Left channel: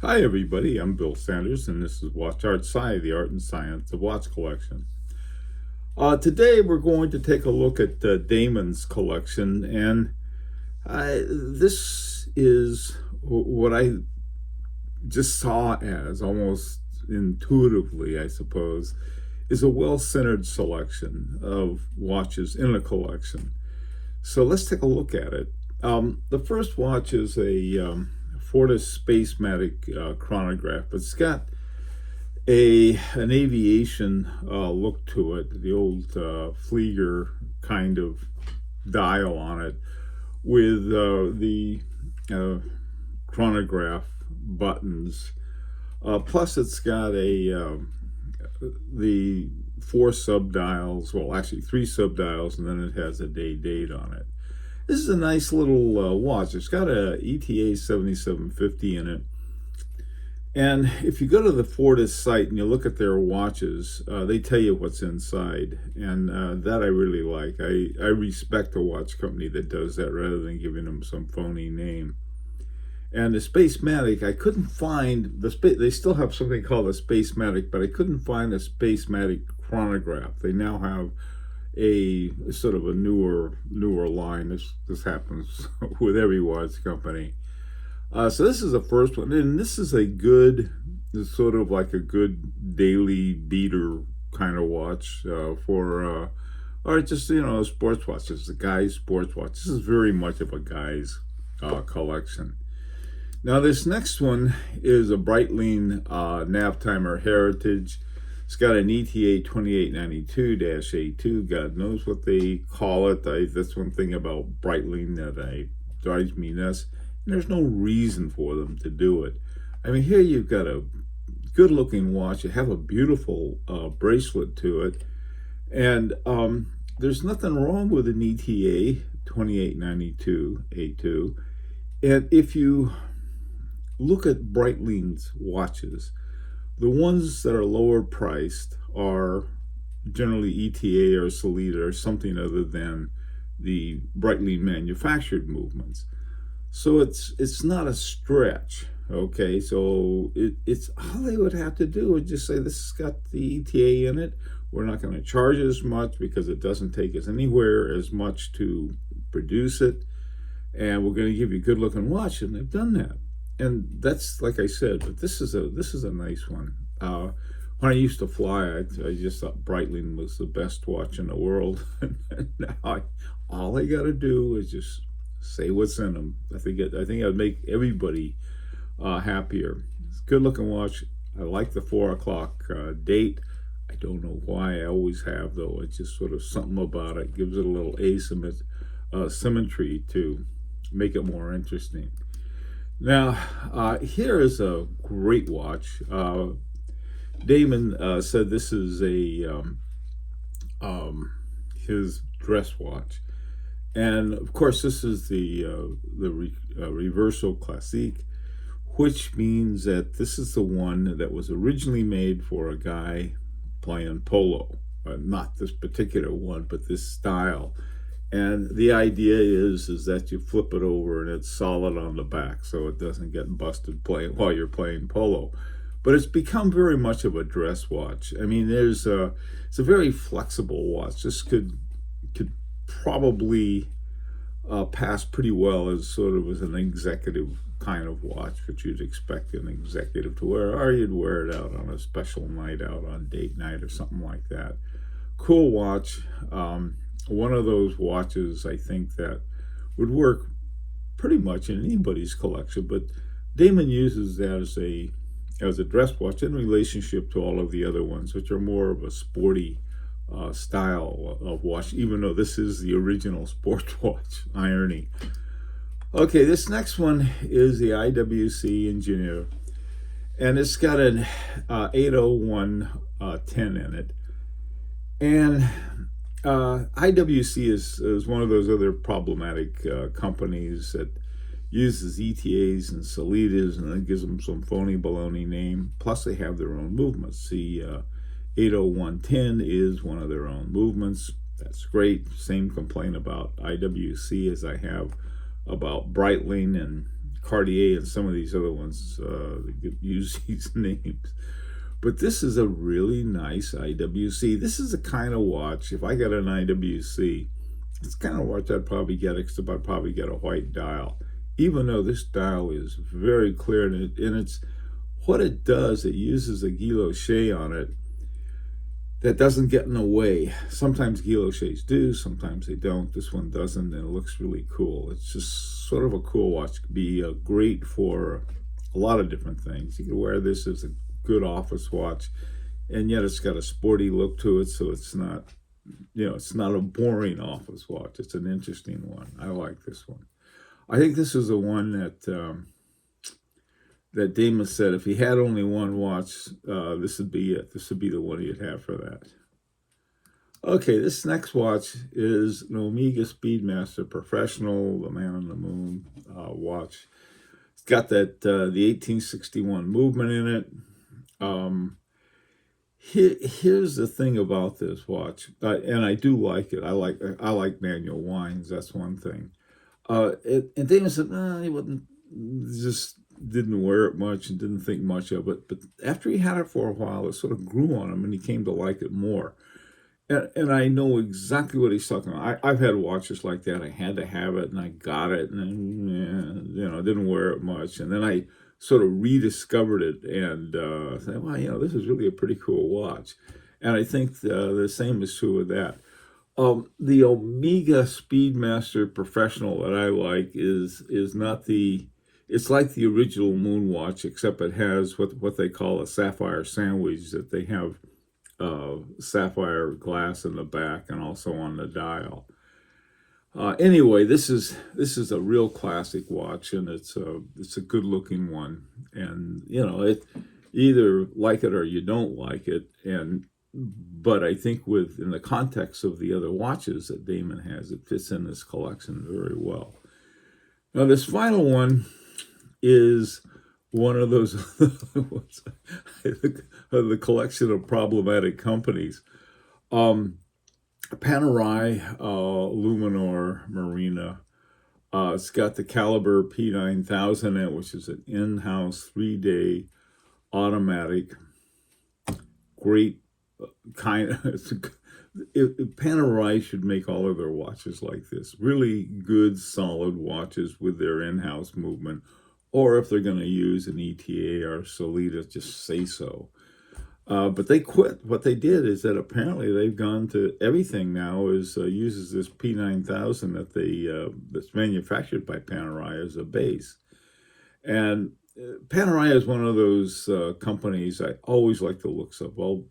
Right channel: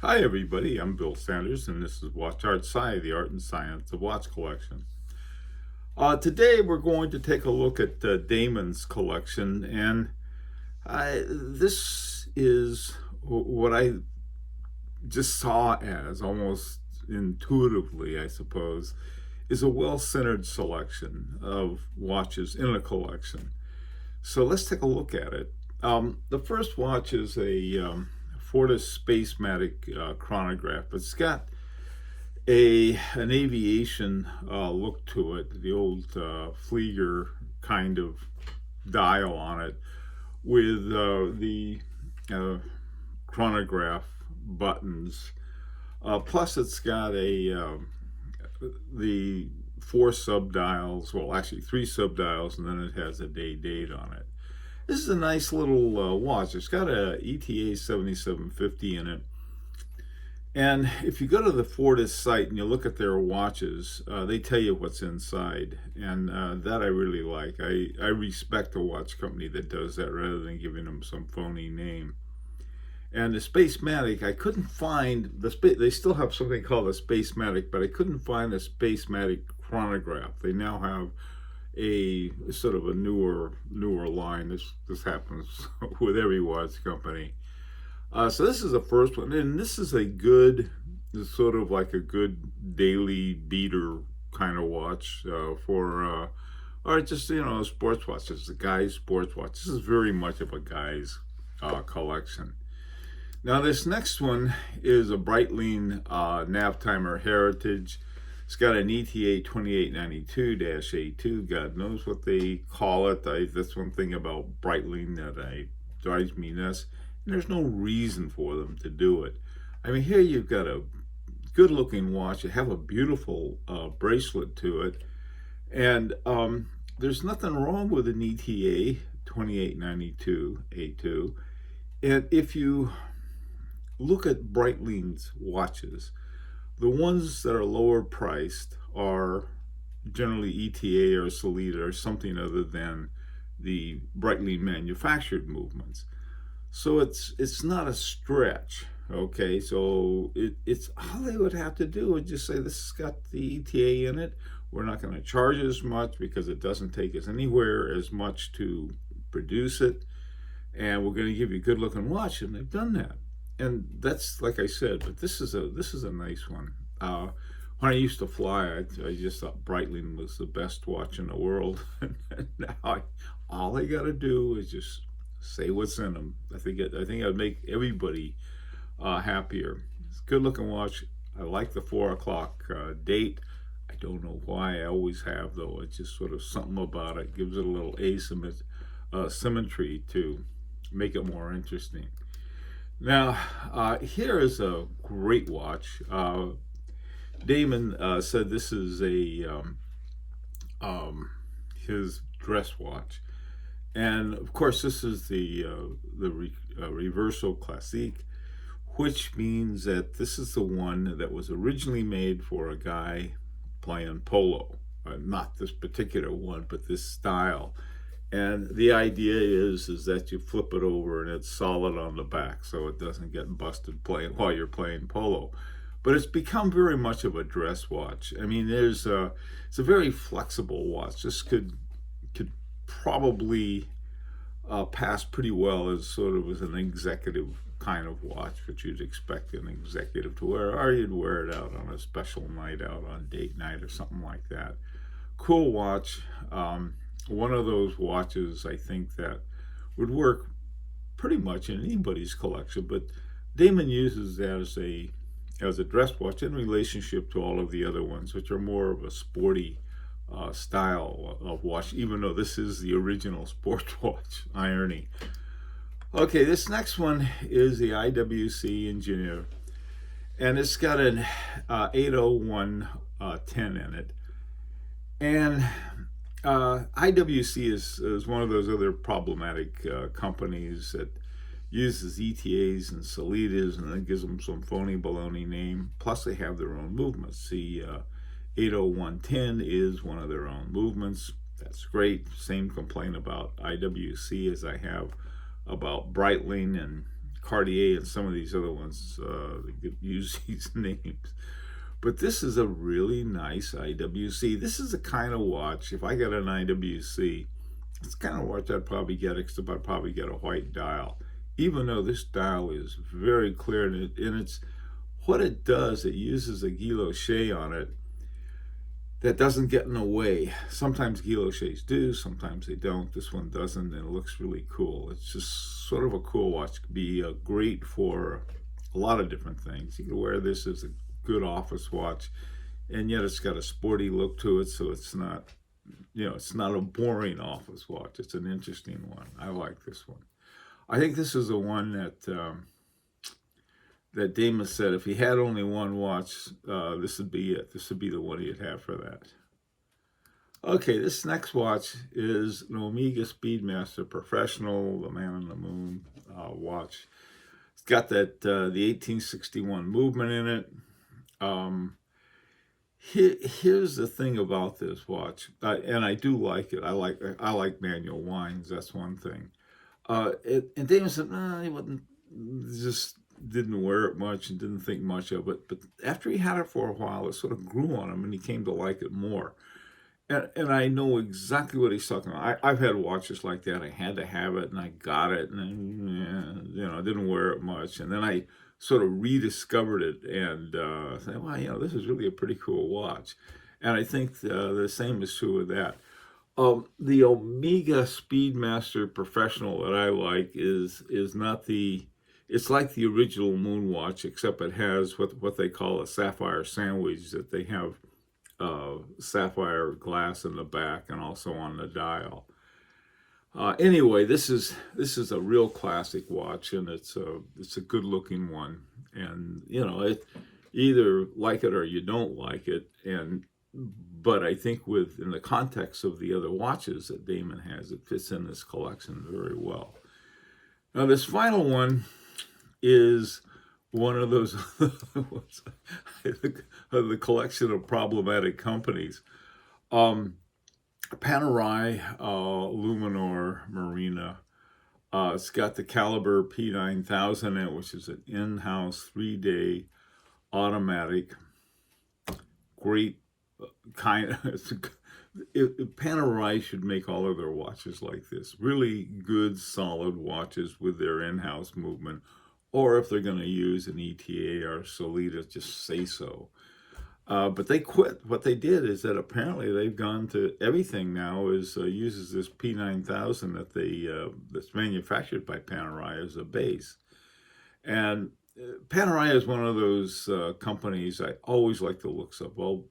Hi everybody, I'm Bill Sanders and this is Watch Art Sci, the art and science of watch collection. Today we're going to take a look at Damon's collection, and this is what I just saw as almost intuitively, I suppose, is a well-centered selection of watches in a collection. So let's take a look at it. The first watch is a Fortis PaceMatic chronograph. It's got an aviation look to it, the old Flieger kind of dial on it, with the chronograph buttons. Plus, it's got the four subdials, well, actually three subdials, and then it has a date on it. This is a nice little watch. It's got a ETA 7750 in it. And if you go to the Fortis site and you look at their watches, they tell you what's inside. And that I really like. I respect a watch company that does that rather than giving them some phony name. And the Spacematic, I couldn't find, they still have something called a Spacematic, but I couldn't find a Spacematic chronograph. They now have a sort of a newer line. This happens with every watch company. So this is the first one, and this is a good, sort of like a good daily beater kind of watch or just, a sports watch. It's a guy's sports watch. This is very much of a guy's collection. Now this next one is a Breitling nav timer Heritage. It's got an ETA 2892-A2. God knows what they call it. That's one thing about Breitling that drives me nuts. There's no reason for them to do it. I mean, here you've got a good-looking watch. You have a beautiful bracelet to it. And there's nothing wrong with an ETA 2892-A2. And if you look at Breitling's watches, the ones that are lower priced are generally ETA or Solida or something other than the Breitling manufactured movements. So it's not a stretch, okay? So it's all they would have to do is just say, this has got the ETA in it. We're not going to charge as much because it doesn't take us anywhere as much to produce it. And we're going to give you a good looking watch, and they've done that. And that's, like I said, but this is a nice one. When I used to fly, I just thought Breitling was the best watch in the world. And now all I got to do is just say what's in them. I think I'd make everybody happier. It's a good looking watch. I like the 4 o'clock date. I don't know why. I always have, though. It's just sort of something about it. Gives it a little symmetry to make it more interesting. Now, here is a great watch. Damon said this is his dress watch. And of course, this is the Reverso Classique, which means that this is the one that was originally made for a guy playing polo. Not this particular one, but this style. And the idea is that you flip it over and it's solid on the back, so it doesn't get busted while you're playing polo. But it's become very much of a dress watch. I mean, it's a very flexible watch. This could probably pass pretty well as sort of as an executive kind of watch, which you'd expect an executive to wear, or you'd wear it out on a special night out, on date night or something like that. Cool watch. One of those watches I think that would work pretty much in anybody's collection, but Damon uses that as a dress watch in relationship to all of the other ones, which are more of a sporty style of watch, even though this is the original sports watch. Irony. Okay, this next one is the IWC Engineer, and it's got an 80110 in it. And IWC is one of those other problematic companies that uses ETAs and Solidas and then gives them some phony baloney name. Plus, they have their own movements. The 80110 is one of their own movements. That's great. Same complaint about IWC as I have about Breitling and Cartier and some of these other ones that use these names. But this is a really nice IWC. This is the kind of watch, if I got an IWC, it's the kind of watch I'd probably get, except I'd probably get a white dial. Even though this dial is very clear, and it's what it does, it uses a guilloche on it that doesn't get in the way. Sometimes guilloches do, sometimes they don't. This one doesn't, and it looks really cool. It's just sort of a cool watch. It could be great for a lot of different things. You can wear this as a good office watch, and yet it's got a sporty look to it, so it's not, it's not a boring office watch. It's an interesting one. I like this one. I think this is the one that Damon said if he had only one watch, this would be it. This would be the one he'd have for that. Okay, this next watch is an Omega Speedmaster Professional, the Man on the Moon watch. It's got that the 1861 movement in it. Here's the thing about this watch, and I do like it. I like manual winds. That's one thing. And Damon said, no, he wouldn't, just didn't wear it much and didn't think much of it. But after he had it for a while, it sort of grew on him, and he came to like it more. And I know exactly what he's talking about. I've had watches like that. I had to have it, and I got it, and I didn't wear it much. And then I sort of rediscovered it and said, well, this is really a pretty cool watch. And I think the same is true with that. The Omega Speedmaster Professional that I like is not it's like the original Moon watch, except it has what they call a sapphire sandwich, that they have sapphire glass in the back and also on the dial. Anyway, this is a real classic watch, and it's a good looking one, and it either like it or you don't like it, but I think in the context of the other watches that Damon has, it fits in this collection very well. Now this final one is one of those the collection of problematic companies. Panerai Luminor Marina. It's got the caliber P9000 in it, which is an in-house 3-day automatic. Great kind of. Panerai should make all of their watches like this. Really good, solid watches with their in-house movement. Or if they're going to use an ETA or Solita, just say so. But they quit. What they did is that apparently they've gone to everything now uses this P9000 that's manufactured by Panerai as a base. And Panerai is one of those companies I always like the looks of. Well,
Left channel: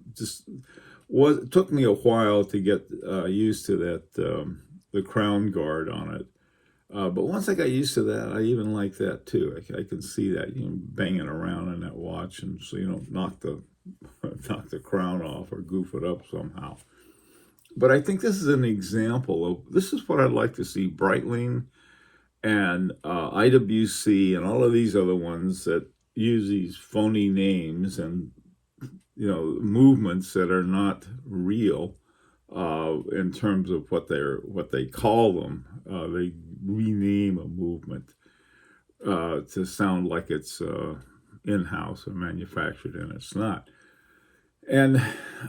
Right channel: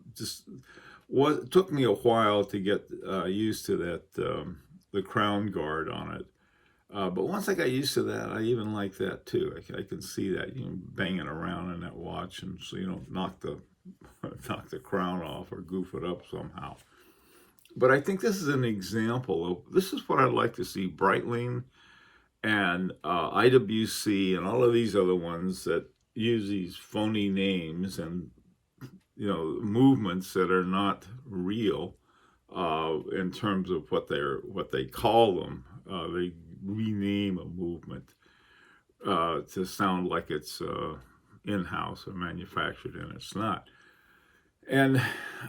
it took me a while to get used to that the crown guard on it. But once I got used to that, I even like that too. I can see that, banging around in that watch, and so you don't knock the crown off or goof it up somehow. But I think this is an example of, this is what I'd like to see Breitling and IWC and all of these other ones that use these phony names and movements that are not real in terms of what they call them. They rename a movement to sound like it's in-house or manufactured, and it's not. And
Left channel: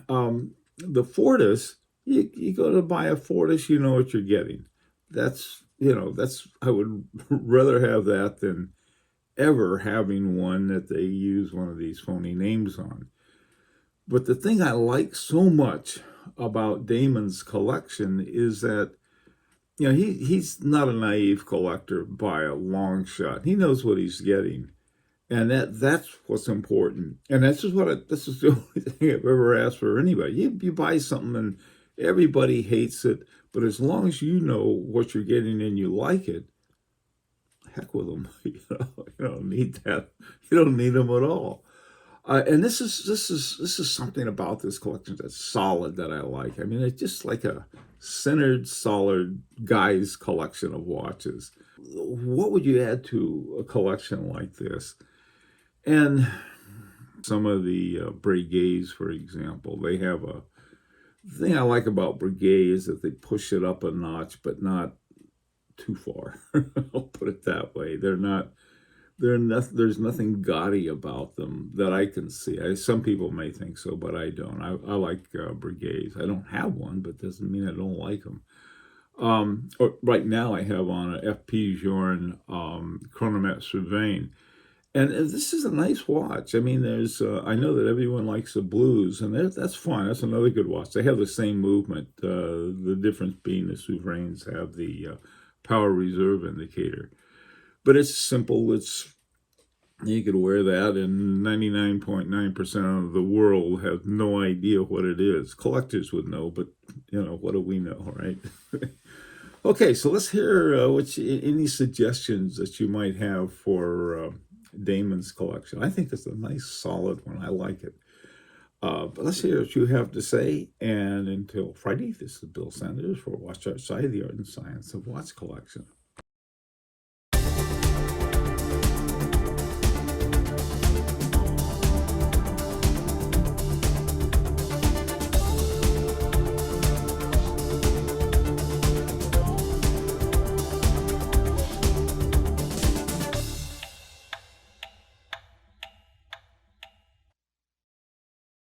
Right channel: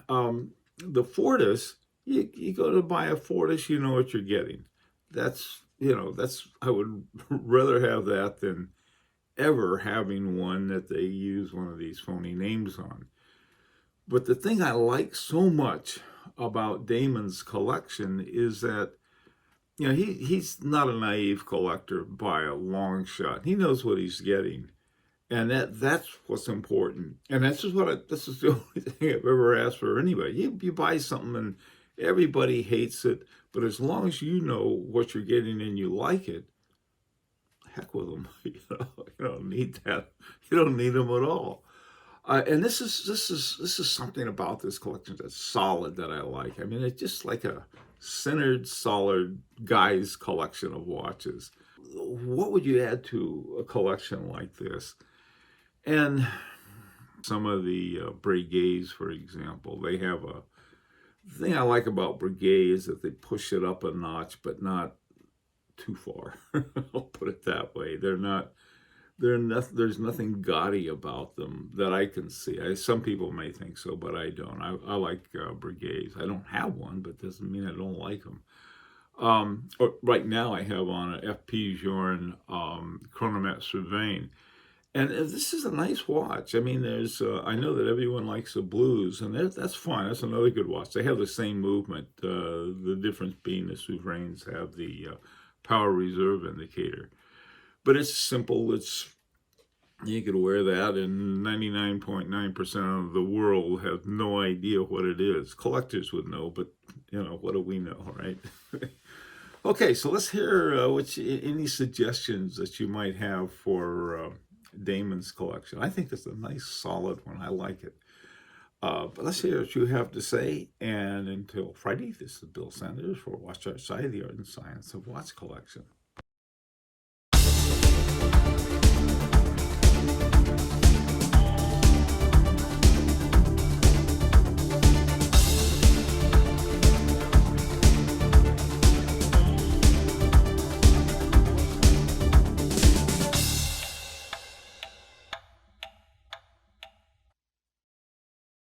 the Fortis, you go to buy a Fortis, you know what you're getting. That's I would rather have that than ever having one that they use one of these phony names on. But the thing I like so much about Damon's collection is that he's not a naive collector by a long shot. He knows what he's getting, and that's what's important. And this is the only thing I've ever asked for anybody. You buy something and everybody hates it, but as long as you know what you're getting and you like it, heck with them. You don't need that. You don't need them at all. And this is something about this collection that's solid that I like. I mean, it's just like a centered, solid guy's collection of watches. What would you add to a collection like this? And some of the Breguets, for example, they have the thing I like about Breguet is that they push it up a notch, but not too far. I'll put it that way. They're not there's nothing gaudy about them that I can see. Some people may think so, but I don't. I like Brigades. I don't have one, but doesn't mean I don't like them. Right now I have on a FP Journe Chronomat Surveying. And this is a nice watch. I mean, I know that everyone likes the blues, and that's fine. That's another good watch. They have the same movement. The difference being the Souverains have the power reserve indicator. But it's simple. You could wear that, and 99.9% of the world have no idea what it is. Collectors would know, but, what do we know, right? Okay, so let's hear any suggestions that you might have for Damon's collection. I think it's a nice, solid one. I like it. But let's hear what you have to say. And until Friday, this is Bill Sanders for Watch Outside, the Art and Science of Watch Collection.